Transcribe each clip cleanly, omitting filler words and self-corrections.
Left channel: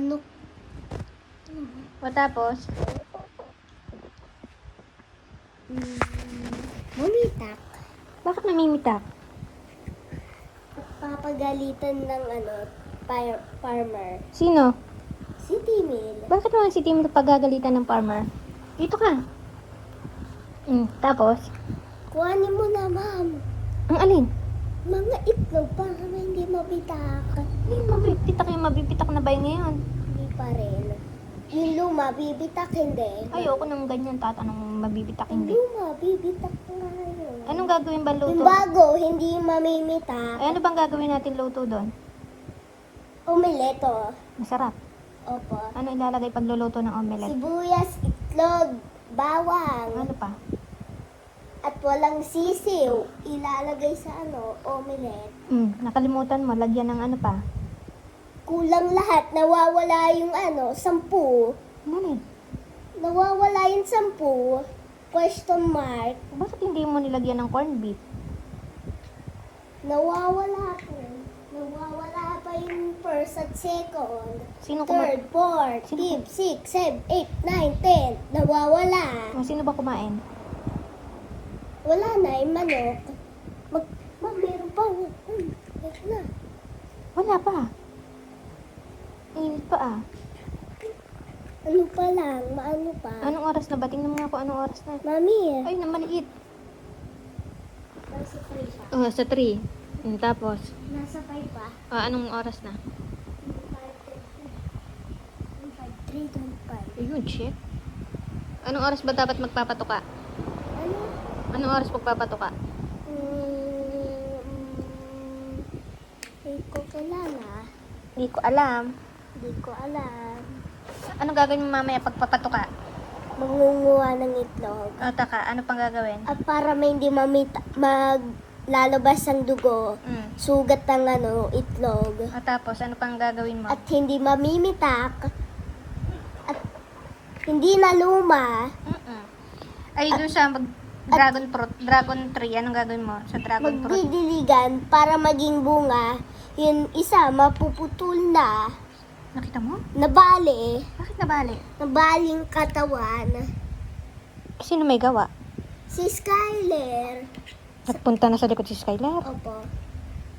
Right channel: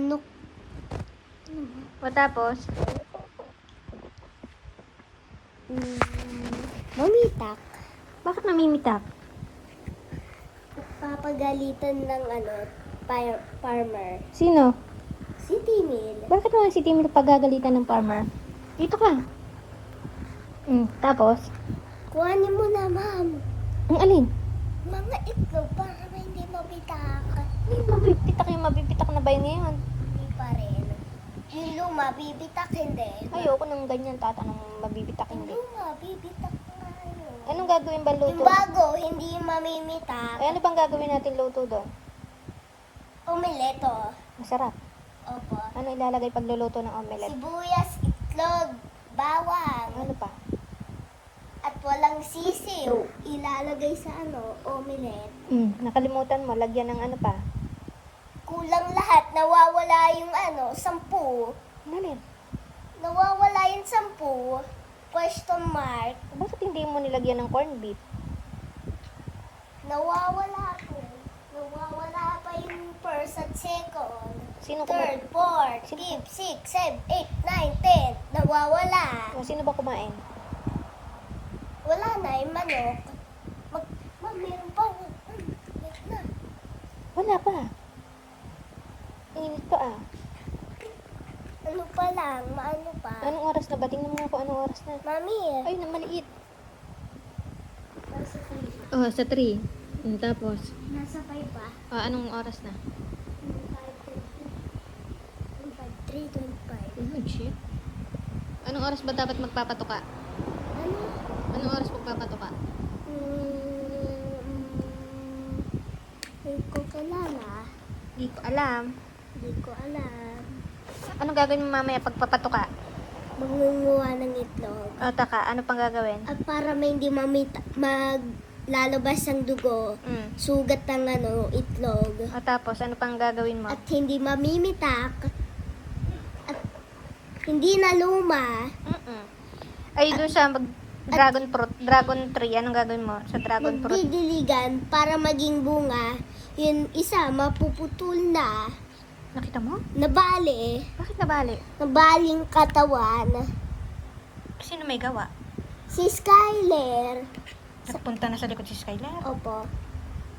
Ano? O tapos? Mumitak. Bakit namimitak? Papagalitan ng farmer. Sino? Si Timil. Bakit naman si Timmy pagagalitan ng farmer? Dito ka. Tapos? Kuhanin mo na, ma'am. Ang alin? Mga itlog para hindi mabitak. Mabibitak na ba yun ngayon? Hindi pa rin. Yung luma, bibitak hindi. Ayoko nang ganyan, tatanong mabibitak Yung luma, bibitak nga yun. Anong gagawin ba luto? Yung bago, hindi mamimitak. Ano bang gagawin natin luto doon? Omelette. Masarap. Opo. Ano ilalagay pag luluto ng omelette? Sibuyas, itlog, bawang, Ano pa? at walang sisiw. Ilalagay sa omelette. Nakalimutan mo, lagyan ng ano pa? Kulang lahat. Nawawala yung 10. Ano rin? Nawawala yung 10. Question mark. Bakit hindi mo nilagyan ng corned beef? Nawawala po. Nawawala pa yung first at second. Sino Third, fourth, fifth, sixth, seventh, eighth, ninth, tenth. Nawawala. Sino ba kumain? Wala na yung manok. Meron pa. Meron na. Wala pa. Init pa ah. Ano pa lang? Maano pa? Anong oras na ba? Tingnan mo nga kung anong oras na. Mami, Ay, namaliit. nasa 3 pa. Oh, sa 3. Tapos? Nasa 5 pa. Anong oras na? 3:25. Ayun, shit. Anong oras ba dapat magpapatuka? Ano? Anong oras magpapatuka? Hindi ko kilala. Hindi ko alam. Hindi ko alam. Anong gagawin mo mamaya pagpapatuka? Mangunguha ng itlog. O, taka. Ano pang gagawin? At para may hindi maglalabas ang dugo, sugat ng itlog. O, tapos, ano pang gagawin mo? At hindi mamimitak. At hindi na luma. Ay, dun sa dragon tree, anong gagawin mo sa dragon fruit? Magdidiligan para maging bunga. Yun isa, mapuputol na. Nakita mo? Nabali. Bakit nabali? Nabaling katawan. Sino may gawa? Si Skyler. Nagpunta na sa likod si Skylar. Opo.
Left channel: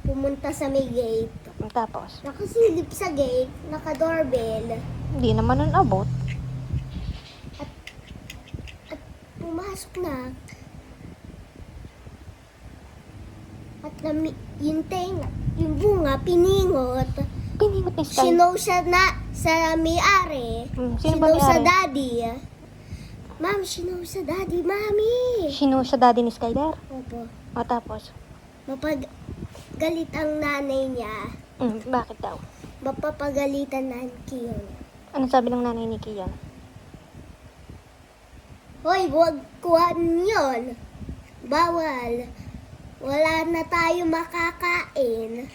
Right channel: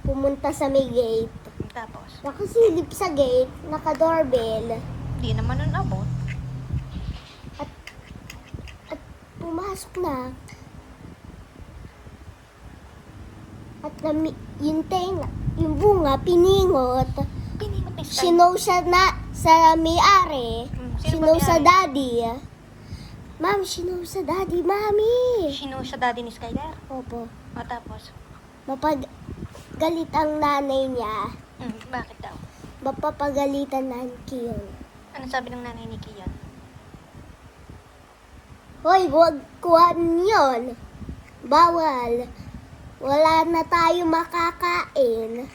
Pumunta sa may gate. Tapos, Nakasilip sa gate. Naka-doorbell. hindi naman nun abot. At pumasok na. At yung bunga, piningot. Piningot ni Skylar. Sinow siya sa may-ari. Sino Sinow sa may-ari? daddy. Ma'am, sinow sa daddy, mami. Sino sa daddy ni Skylar? Opo. O, tapos? Mapagalit ang nanay niya. Bakit daw? Mapapagalitan na ang Kiyon. Ano sabi ng nanay ni Kia? Hoy, huwag kuhan yun. Bawal. Wala na tayo makakain.